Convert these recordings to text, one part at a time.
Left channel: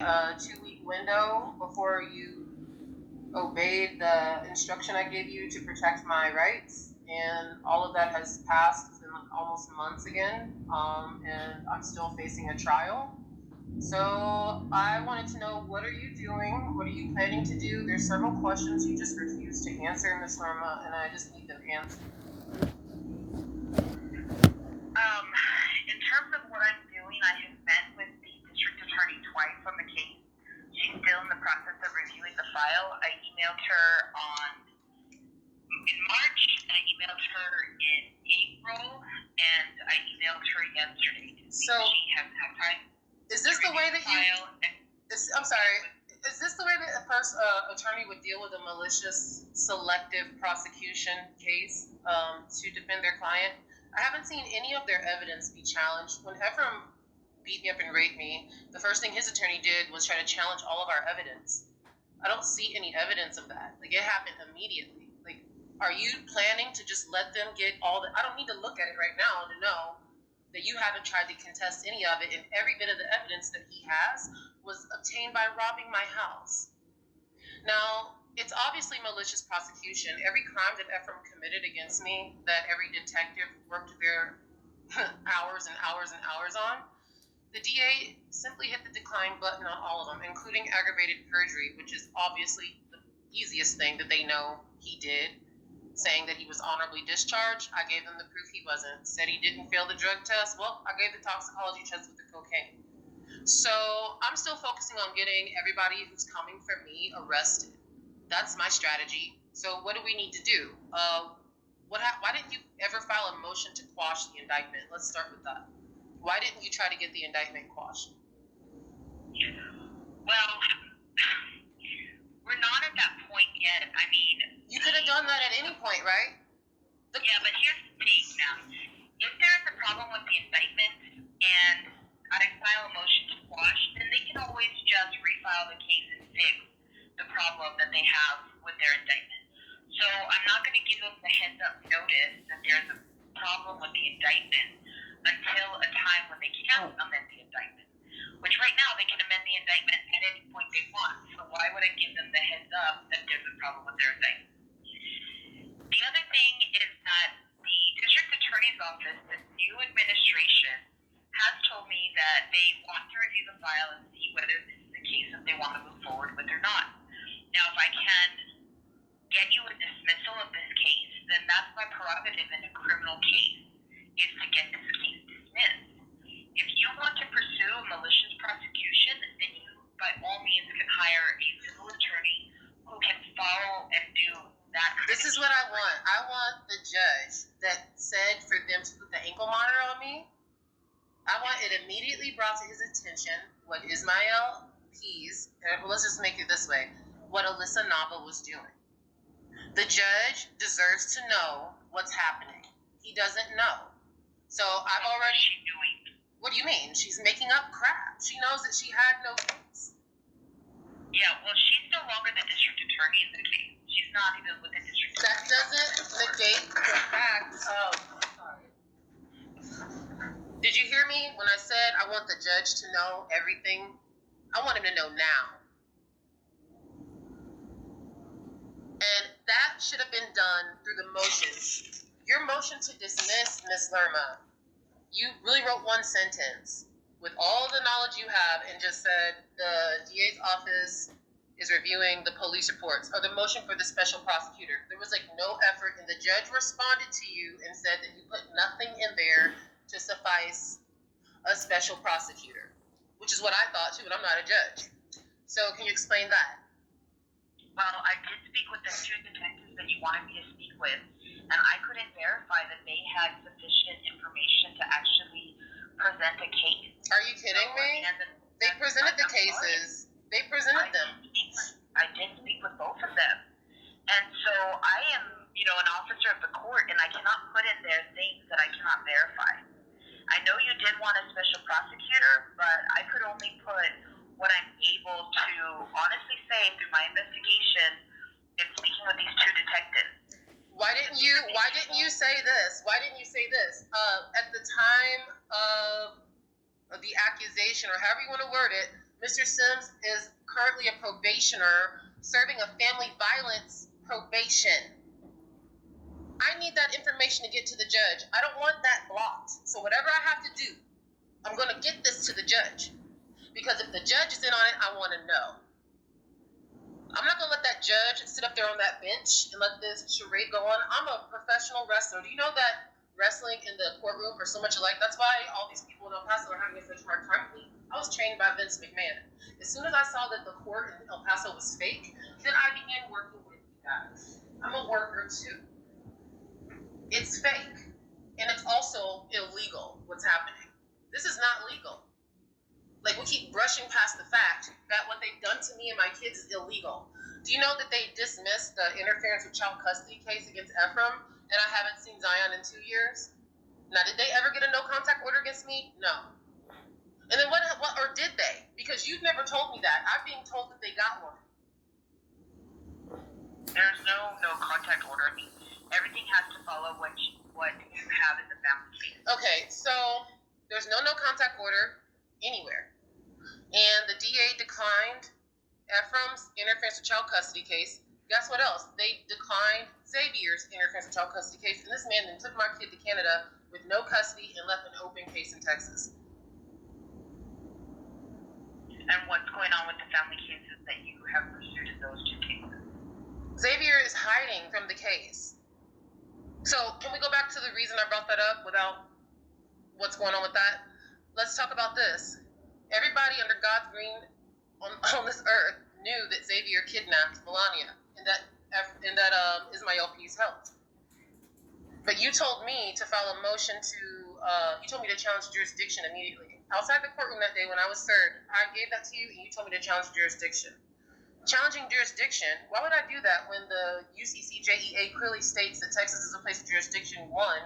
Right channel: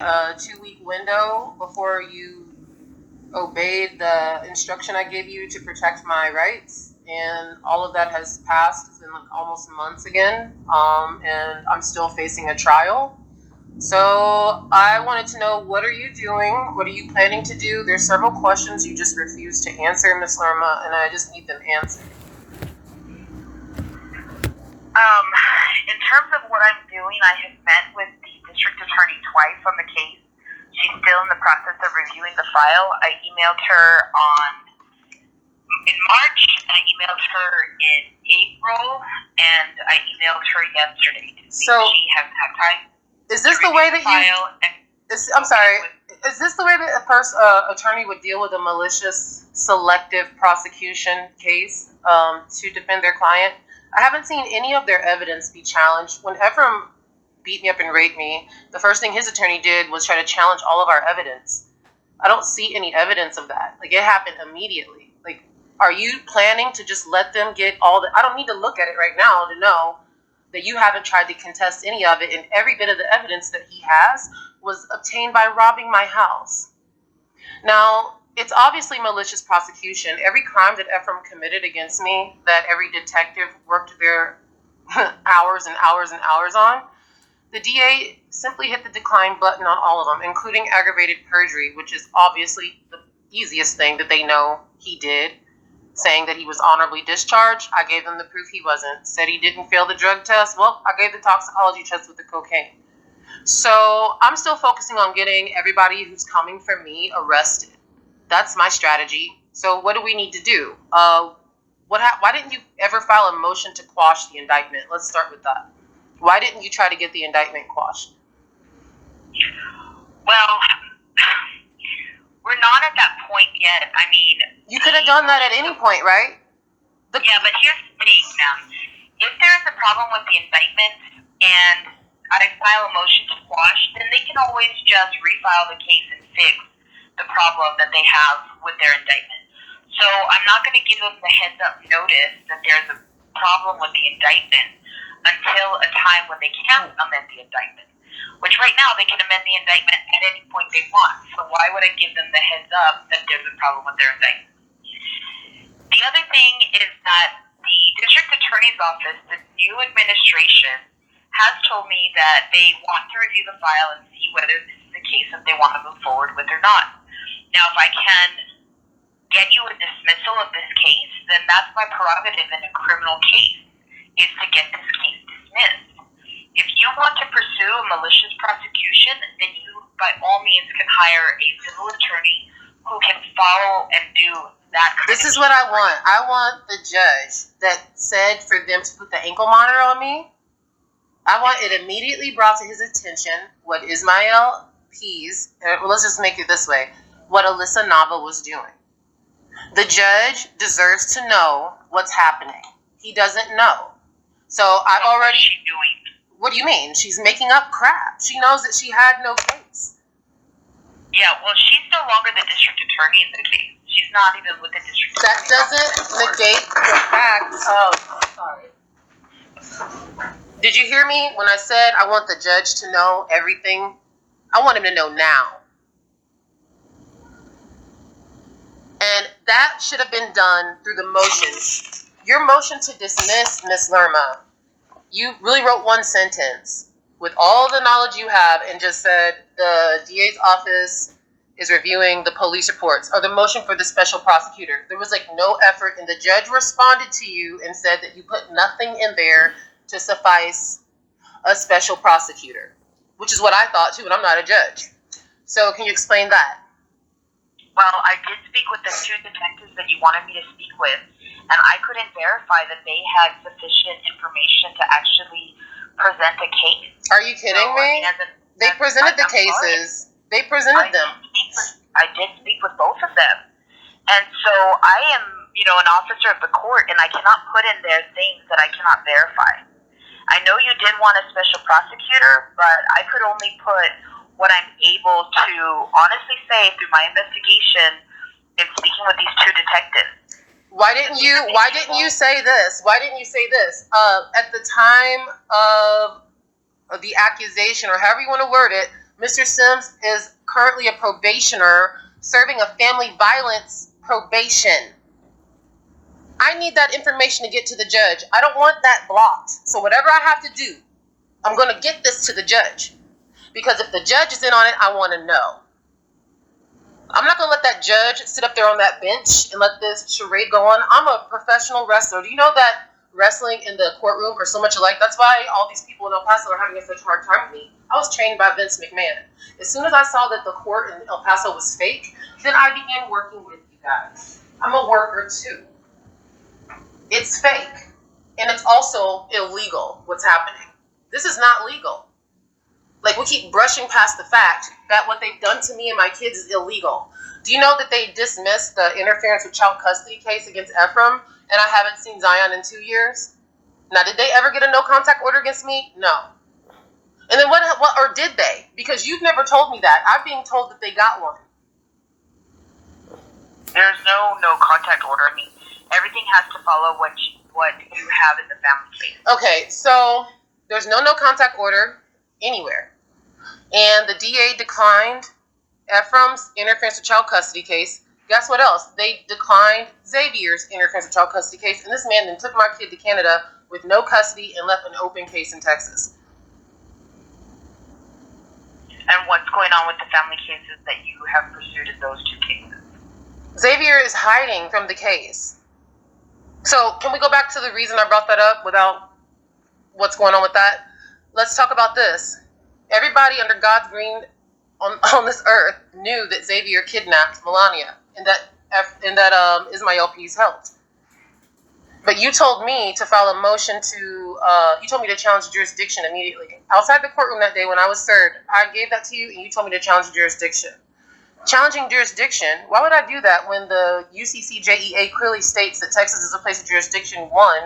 a 2-week window before you obeyed the instruction I gave you to protect my rights, and all of that has passed. It's been almost months again, and I'm still facing a trial. So I wanted to know, what are you doing? What are you planning to do? There's several questions you just refused to answer, Ms. Lerma, and I just need them answered. In terms of what I'm doing, I have met with the district attorney twice on the case. She's still in the process of reviewing the file. I emailed her in March, I emailed her in April, and I emailed her yesterday to see if she has had time. Is this the way that I'm sorry. Is this the way that a attorney would deal with a malicious selective prosecution case to defend their client? I haven't seen any of their evidence be challenged. When Ephraim beat me up and raped me, the first thing his attorney did was try to challenge all of our evidence. I don't see any evidence of that. Like, it happened immediately. Like, are you planning to just let them get all the... I don't need to look at it right now to know that you haven't tried to contest any of it, and every bit of the evidence that he has was obtained by robbing my house. Now, it's obviously malicious prosecution. Every crime that Ephraim committed against me, that every detective worked their hours and hours and hours on, the DA simply hit the decline button on all of them, including aggravated perjury, which is obviously the easiest thing that they know he did, saying that he was honorably discharged. I gave them the proof he wasn't. Said he didn't fail the drug test. Well, I gave the toxicology test with the cocaine. So I'm still focusing on getting everybody who's coming for me arrested. That's my strategy. So what do we need to do? Why didn't you ever file a motion to quash the indictment? Let's start with that. Why didn't you try to get the indictment quashed? Well, we're not at that point yet. I mean... You could have done that at any point, right? Yeah, but here's the thing, ma'am. If there's a problem with the indictment and I file a motion to quash, then they can always just refile the case and fix the problem that they have with their indictment. So I'm not going to give them the heads up notice that there's a problem with the indictment until a time when they can amend the indictment, which right now they can amend the indictment at any point they want. So why would I give them the heads up that there's a problem with their indictment? The other thing is that the district attorney's office, the new administration, has told me that they want to review the file and see whether this is a case that they want to move forward with or not. Now, if I can get you a dismissal of this case, then that's my prerogative in a criminal case, is to get this case dismissed. If you want to pursue a malicious prosecution, then you, by all means, can hire a civil attorney who can follow and do that. This is what I want. I want the judge that said for them to put the ankle monitor on me. I want it immediately brought to his attention what Ismael Pease, let's just make it this way, what Alyssa Nava was doing. The judge deserves to know what's happening. He doesn't know. So I've already... What's she doing? What do you mean? She's making up crap. She knows that she had no case. Yeah, well, she's no longer the district attorney in the case. She's not even with the district attorney. That doesn't negate the fact of... Sorry. Did you hear me when I said I want the judge to know everything? I want him to know now. And that should have been done through the motion. Your motion to dismiss, Ms. Lerma, you really wrote one sentence with all the knowledge you have and just said the DA's office is reviewing the police reports, or the motion for the special prosecutor. There was no effort, and the judge responded to you and said that you put nothing in there to suffice a special prosecutor, which is what I thought too, and I'm not a judge. So can you explain that? Well, I did speak with the two detectives that you wanted me to speak with, and I couldn't verify that they had sufficient information to actually present a case. Are you kidding me? They presented the cases. They presented them. I did speak with both of them. And so I am, an officer of the court, and I cannot put in there things that I cannot verify. I know you did want a special prosecutor, but I could only put what I'm able to honestly say through my investigation in speaking with these two detectives. Why didn't you say this? At the time of the accusation, or however you want to word it, Mr. Sims is currently a probationer serving a family violence probation. I need that information to get to the judge. I don't want that blocked. So whatever I have to do, I'm going to get this to the judge. Because if the judge is in on it, I want to know. I'm not going to let that judge sit up there on that bench and let this charade go on. I'm a professional wrestler. Do you know that wrestling in the courtroom are so much alike? That's why all these people in El Paso are having a such hard time with me. I was trained by Vince McMahon. As soon as I saw that the court in El Paso was fake, then I began working with you guys. I'm a worker too. It's fake. And it's also illegal what's happening. This is not legal. Like, we keep brushing past the fact that what they've done to me and my kids is illegal. Do you know that they dismissed the interference with child custody case against Ephraim, and I haven't seen Zion in 2 years? Now, did they ever get a no contact order against me? No. And then what, or did they? Because you've never told me that. I'm being told that they got one. There's no contact order. I mean, everything has to follow what you have in the family case. Okay, so there's no contact order anywhere. And the DA declined Ephraim's interference with child custody case. Guess what else? They declined Xavier's interference with child custody case. And this man then took my kid to Canada with no custody and left an open case in Texas. And what's going on with the family cases that you have pursued in those 2 cases? Xavier is hiding from the case. So can we go back to the reason I brought that up without what's going on with that? Let's talk about this. Everybody under God's green on this earth knew that Xavier kidnapped Melania and that Ismael Pease helped. But you told me to file a motion you told me to challenge jurisdiction immediately. Outside the courtroom that day when I was served, I gave that to you and you told me to challenge jurisdiction. Challenging jurisdiction, why would I do that when the UCCJEA clearly states that Texas is a place of jurisdiction, 1,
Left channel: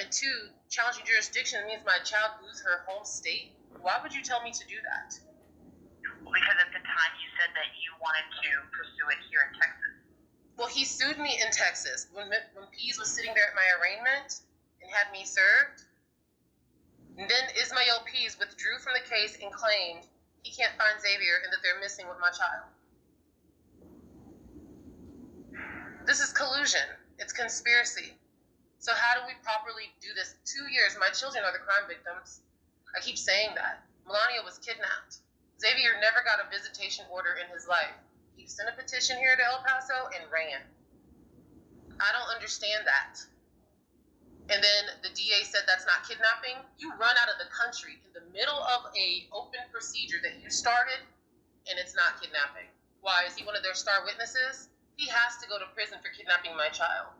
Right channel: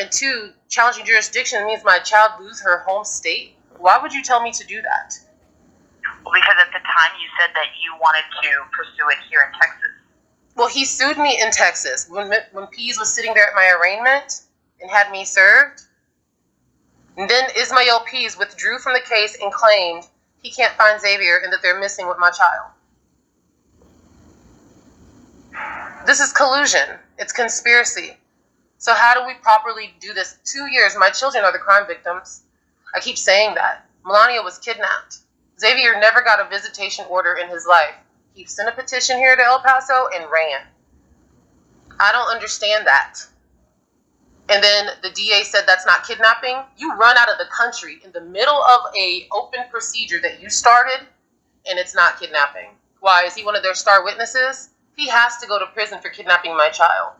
and 2, challenging jurisdiction means my child lose her home state? Why would you tell me to do that? Well, because at the time you said that you wanted to pursue it here in Texas. Well, he sued me in Texas when Pease was sitting there at my arraignment and had me served. And then Ismael Pease withdrew from the case and claimed he can't find Xavier and that they're missing with my child. This is collusion. It's conspiracy. So how do we properly do this? 2 years, my children are the crime victims. I keep saying that. Melania was kidnapped. Xavier never got a visitation order in his life. He sent a petition here to El Paso and ran. I don't understand that. And then the DA said that's not kidnapping. You run out of the country in the middle of a open procedure that you started, and it's not kidnapping. Why? Is he one of their star witnesses? He has to go to prison for kidnapping my child.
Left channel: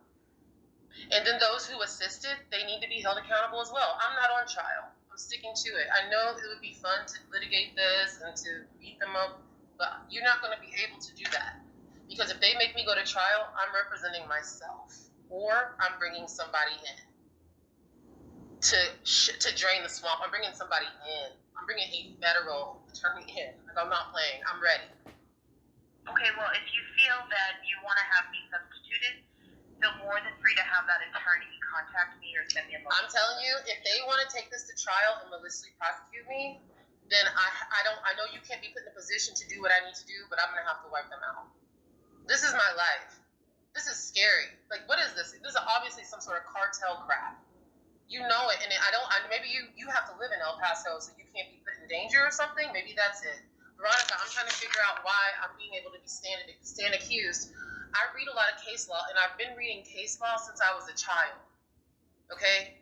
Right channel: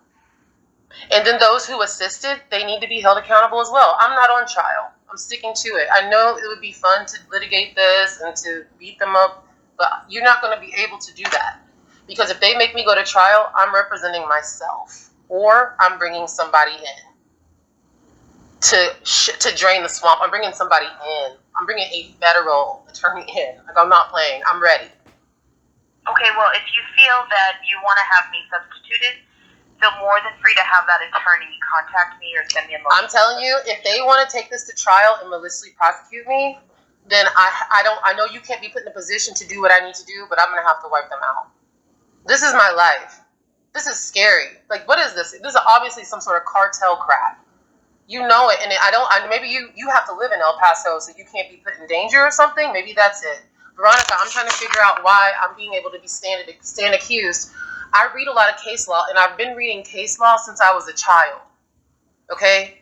And then those who assisted, they need to be held accountable as well. I'm not on trial. I'm sticking to it. I know it would be fun to litigate this and to beat them up, but you're not going to be able to do that. Because if they make me go to trial, I'm representing myself. Or I'm bringing somebody in to drain the swamp. I'm bringing somebody in. I'm bringing a federal attorney in. Like, I'm not playing. I'm ready. Okay, well, if you feel that you want to have me substituted, feel more than free to have that attorney contact me or send me a motion. I'm telling you, if they want to take this to trial and maliciously prosecute me, then I know you can't be put in a position to do what I need to do, but I'm going to have to wipe them out. This is my life. This is scary. Like, what is this? This is obviously some sort of cartel crap. You know it, and maybe you have to live in El Paso, so you can't be put in danger or something. Maybe that's it. Veronica, I'm trying to figure out why I'm being able to be stand accused. I read a lot of case law, and I've been reading case law since I was a child. Okay?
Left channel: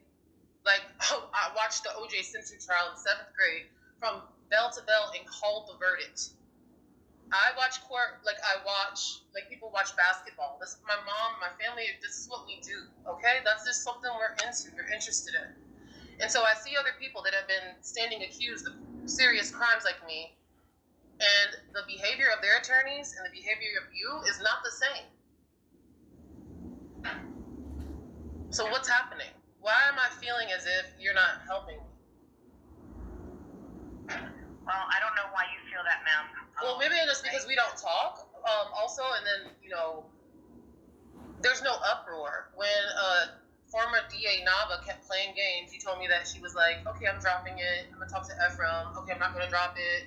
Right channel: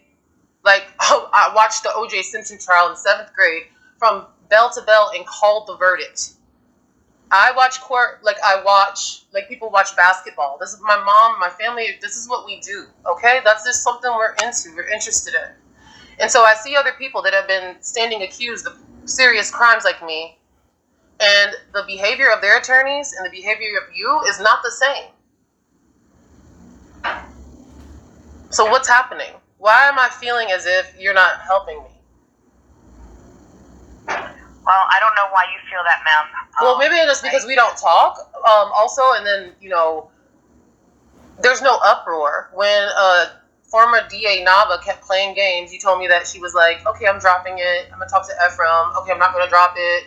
Like, I watched the O.J. Simpson trial in 7th grade from bell to bell and called the verdict. I watch court like people watch basketball. This is my mom, my family. This is what we do. Okay? That's just something we're interested in. And so I see other people that have been standing accused of serious crimes like me, and the behavior of their attorneys and the behavior of you is not the same. So what's happening? Why am I feeling as if you're not helping me? Well, I don't know why you feel that, ma'am. Well, maybe it's because we don't talk. Also, and then, there's no uproar. When former DA Nava kept playing games, you told me that she was like, okay, I'm dropping it. I'm going to talk to Ephraim. Okay, I'm not going to drop it.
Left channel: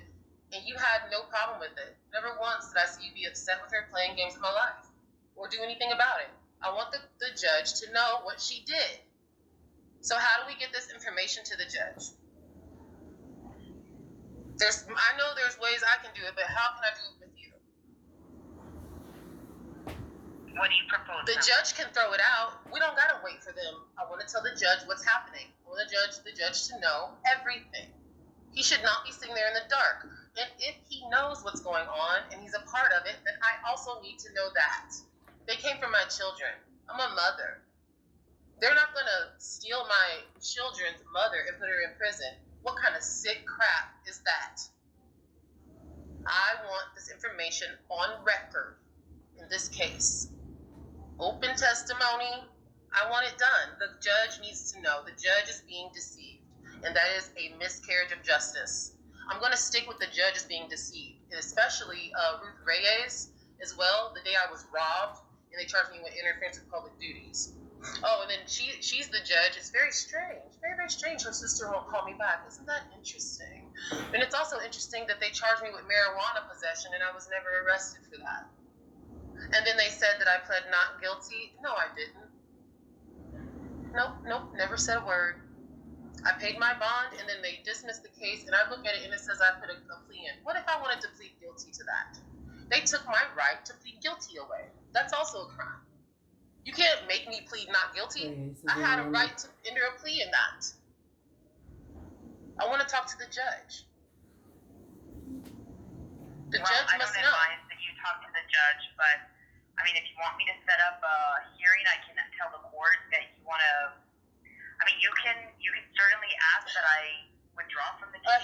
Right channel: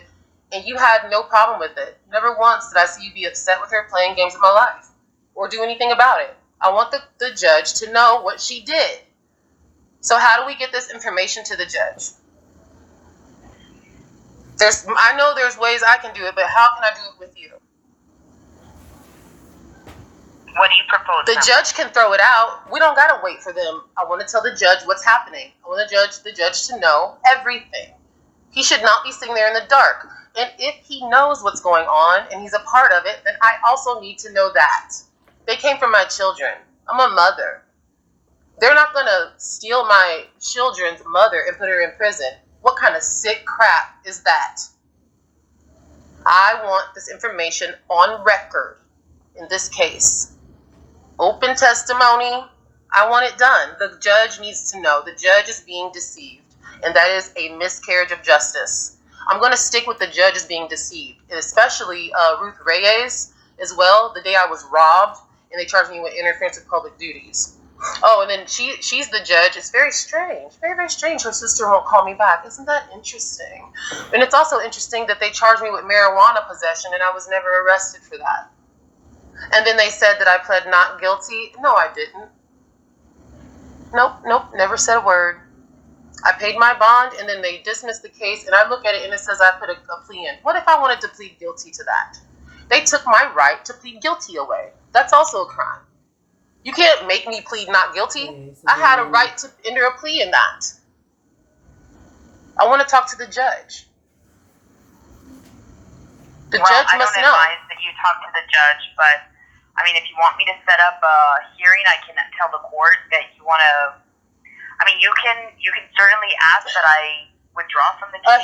and you had no problem with it. Never once did I see you be upset with her playing games with my life or do anything about it. I want the judge to know what she did. So how do we get this information to the judge? I know there's ways I can do it, but how can I do it with you? What do you propose? The judge can throw it out. We don't gotta wait for them. I want to tell the judge what's happening. I want the judge to know everything. He should not be sitting there in the dark. And if he knows what's going on and he's a part of it, then I also need to know that. They came from my children. I'm a mother. They're not gonna steal my children's mother and put her in prison. What kind of sick crap is that? I want this information on record in this case. Open testimony. I want it done. The judge needs to know. The judge is being deceived, and that is a miscarriage of justice. I'm going to stick with the judge as being deceived, and especially Ruth Reyes as well. The day I was robbed, and they charged me with interference with public duties. Oh, and then she's the judge. It's very strange. Very, very strange. Her sister won't call me back. Isn't that interesting? And it's also interesting that they charged me with marijuana possession, and I was never arrested for that. And then they said that I pled not guilty. No, I didn't. Nope, never said a word. I paid my bond, and then they dismissed the case, and I look at it, and it says I put a plea in. What if I wanted to plead guilty to that? They took my right to plead guilty away. That's also a crime. You can't make me plead not guilty. I had a right to enter a plea in that. I want to talk to the judge. The judge must know. I don't advise that you talk to the judge, but I mean, if you want me to set up a hearing, I can tell the court that you want to. I mean, you can certainly ask that I withdraw from the case. A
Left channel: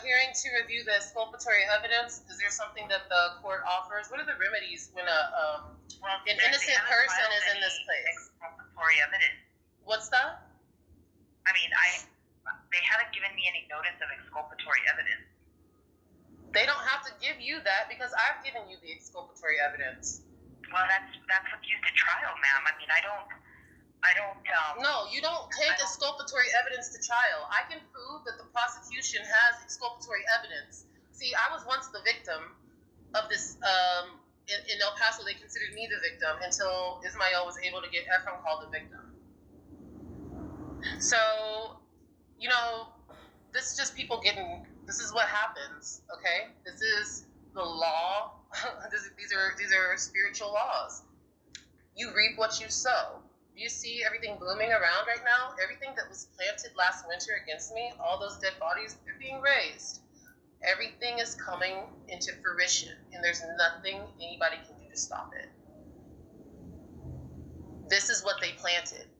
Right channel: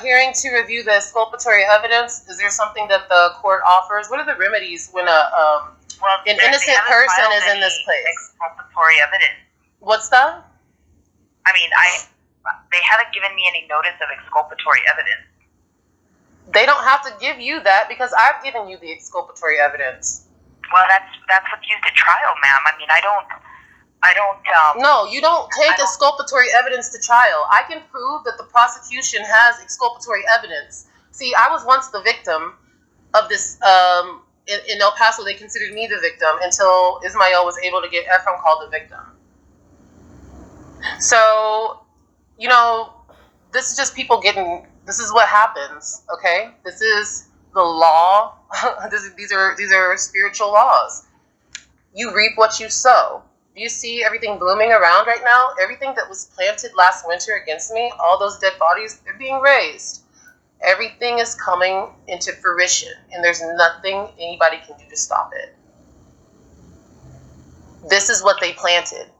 hearing to review the exculpatory evidence. Is there something that the court offers? What are the remedies when an innocent person is in this place? Exculpatory evidence. What's that? I mean, they haven't given me any notice of exculpatory evidence. They don't have to give you that because I've given you the exculpatory evidence. Well, that's what's used at trial, ma'am. I mean, I don't. No, you don't take exculpatory evidence to trial. I can prove that the prosecution has exculpatory evidence. See, I was once the victim of this. In El Paso, they considered me the victim until Ismael was able to get Ephraim called the victim. So, this is just people getting. This is what happens. Okay, this is the law. These are spiritual laws. You reap what you sow. Do you see everything blooming around right now? Everything that was planted last winter against me, all those dead bodies, they're being raised. Everything is coming into fruition, and there's nothing anybody can do to stop it. This is what they planted.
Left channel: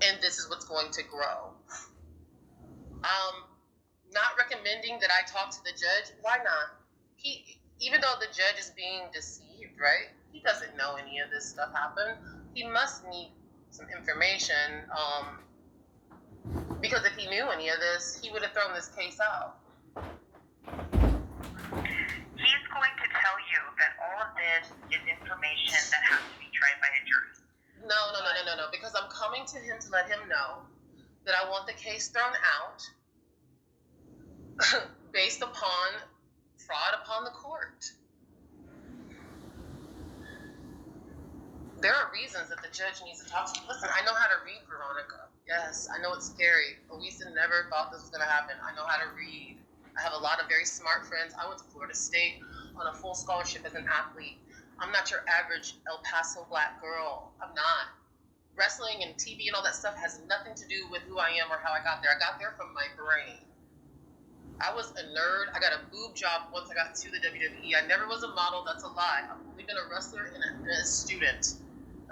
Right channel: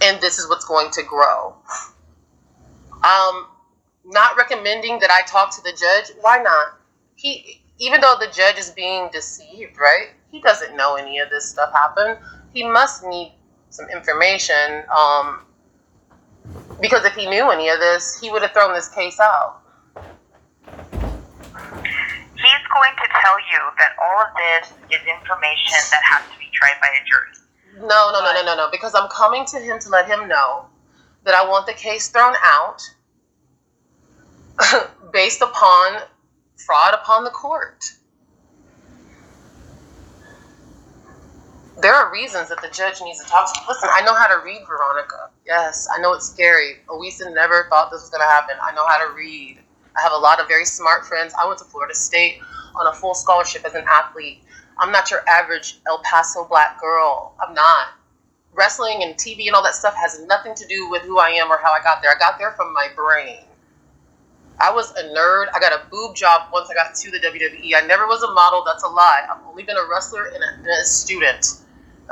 And this is what's going to grow. Not recommending that I talk to the judge. Why not? Even though the judge is being deceived, right? He doesn't know any of this stuff happened. He must need some information. Because if he knew any of this, he would have thrown this case out. He's going to tell you that all of this is information that has to be tried by a jury. No. Because I'm coming to him to let him know that I want the case thrown out based upon fraud upon the court. There are reasons that the judge needs to talk to. Listen, I know how to read, Veronica. Yes, I know it's scary. Owisa never thought this was going to happen. I know how to read. I have a lot of very smart friends. I went to Florida State on a full scholarship as an athlete. I'm not your average El Paso black girl. I'm not. Wrestling and TV and all that stuff has nothing to do with who I am or how I got there. I got there from my brain. I was a nerd. I got a boob job once I got to the WWE. I never was a model. That's a lie. I've only been a wrestler and a student.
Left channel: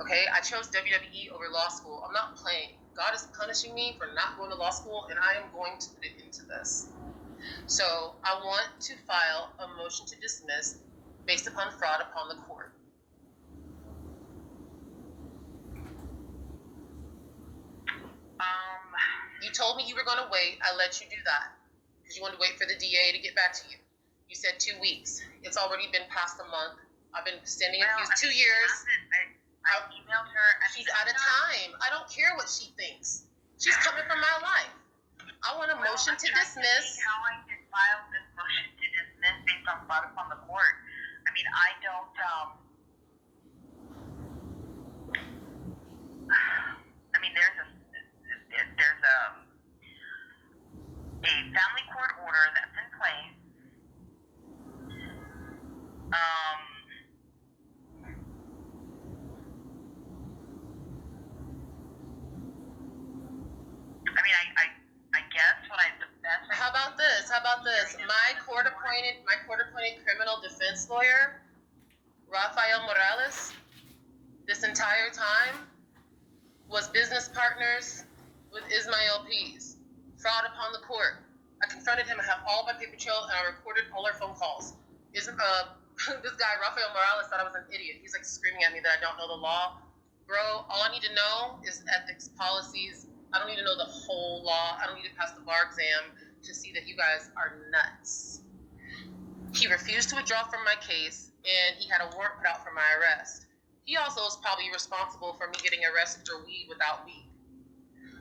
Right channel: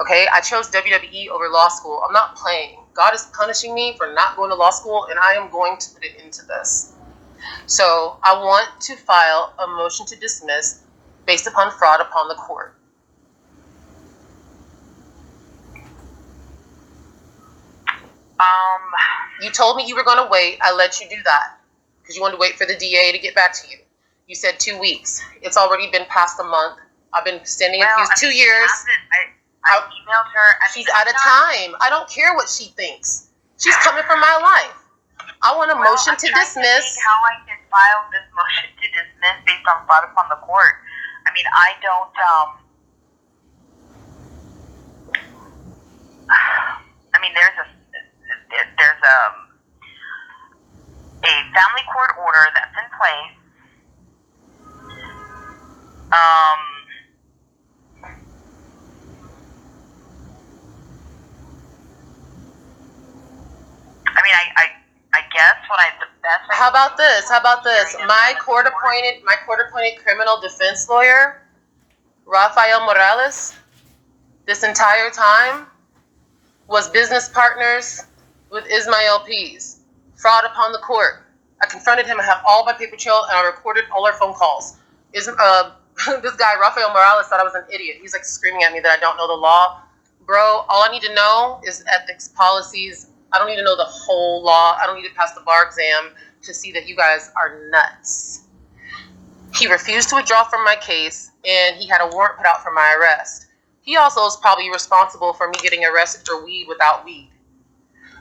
Okay? I chose WWE over law school. I'm not playing. God is punishing me for not going to law school, and I am going to put it into this. So I want to file a motion to dismiss based upon fraud upon the court. You told me you were going to wait. I let you do that because you wanted to wait for the DA to get back to you. You said 2 weeks. It's already been past a month. I've been standing accused 2 years. I emailed her. She's out of time. I don't care what she thinks. She's coming for my life. I want a motion I'm to trying dismiss. To think how I can file this motion to dismiss based on fraud upon the court. I mean, I don't. I mean, there's a family court order that's in place. I mean, I guess the best. How about this? My court appointed criminal defense lawyer, Rafael Morales, this entire time was business partners with Ismael Pease. Fraud upon the court. I confronted him. I have all my paper trail, and I recorded all our phone calls. This guy, Rafael Morales, thought I was an idiot. He's like screaming at me that I don't know the law. Bro, all I need to know is ethics policies. I don't need to know the whole law. I don't need to pass the bar exam to see that you guys are nuts. He refused to withdraw from my case, and he had a warrant put out for my arrest. He also is probably responsible for me getting arrested for weed without weed.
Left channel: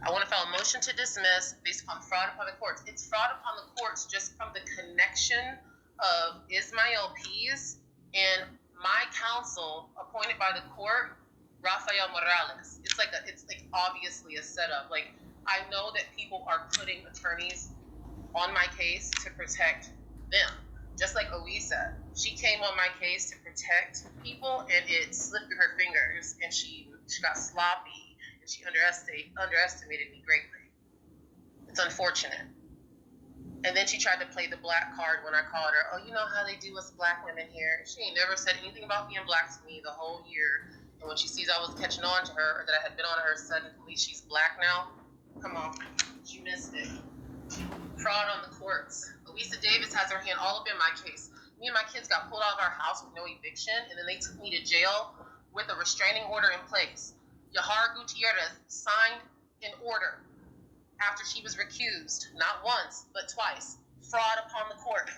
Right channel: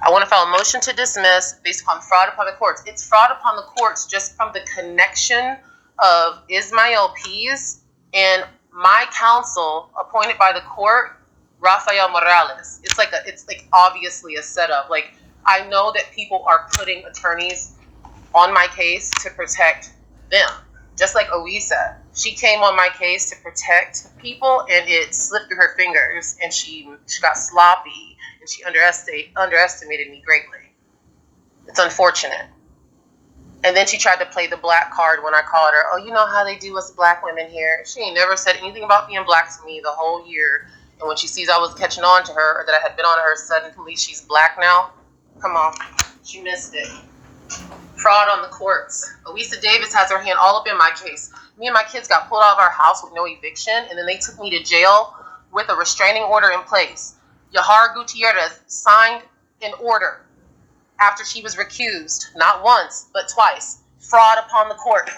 I want to file a motion to dismiss based upon fraud upon the courts. It's fraud upon the courts just from the connection of Ismael Pease and my counsel appointed by the court, Rafael Morales. It's like obviously a setup. Like, I know that people are putting attorneys on my case to protect them. Just like Oisa, she came on my case to protect people, and it slipped through her fingers, and she got sloppy, and she underestimated me greatly. It's unfortunate. And then she tried to play the black card when I called her. Oh, you know how they do us black women here. She ain't never said anything about being black to me the whole year. And when she sees I was catching on to her, or that I had been on her, suddenly she's black now. Come on, she missed it. Fraud on the courts. Oisa Davis has her hand all up in my case. Me and my kids got pulled out of our house with no eviction, and then they took me to jail with a restraining order in place. Yahar Gutierrez signed an order after she was recused, not once, but twice. Fraud upon the court.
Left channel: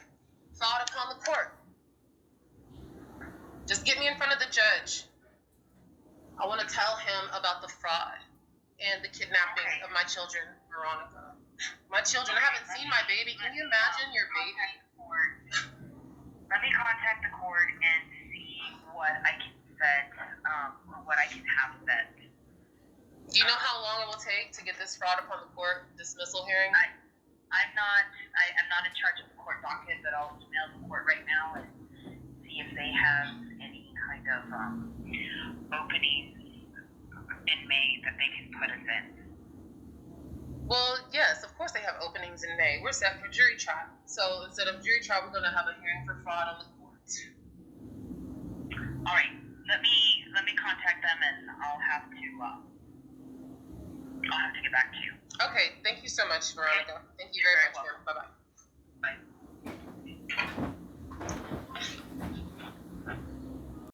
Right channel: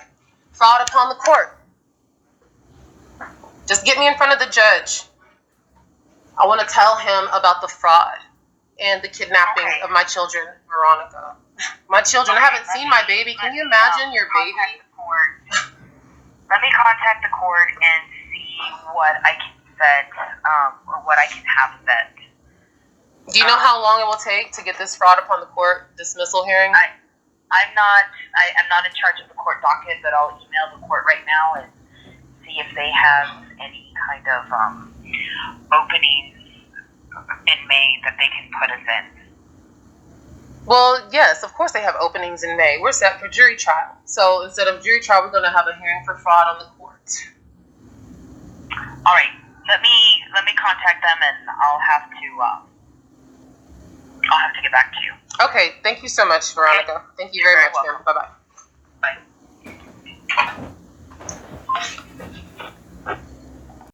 Fraud upon the court. Just get me in front of the judge. I want to tell him about the fraud and the kidnapping of my children, Veronica. My children. I haven't seen my baby. Can you imagine your baby? Let me contact the court and see what I can set, or what I can have set. Do you know how long it will take to get this fraud upon the court dismissal hearing? I'm not in charge of the court docket, but I'll email the court right now and see if they have any kind of openings in May that they can put us in. Well, yes, of course they have openings in May. We're set for jury trial. So instead of jury trial, we're going to have a hearing for fraud on the court. All right. Let me contact them, and I'll have to get back to you. Okay. Thank you so much, Veronica. Thank you very much, ma'am. Bye-bye.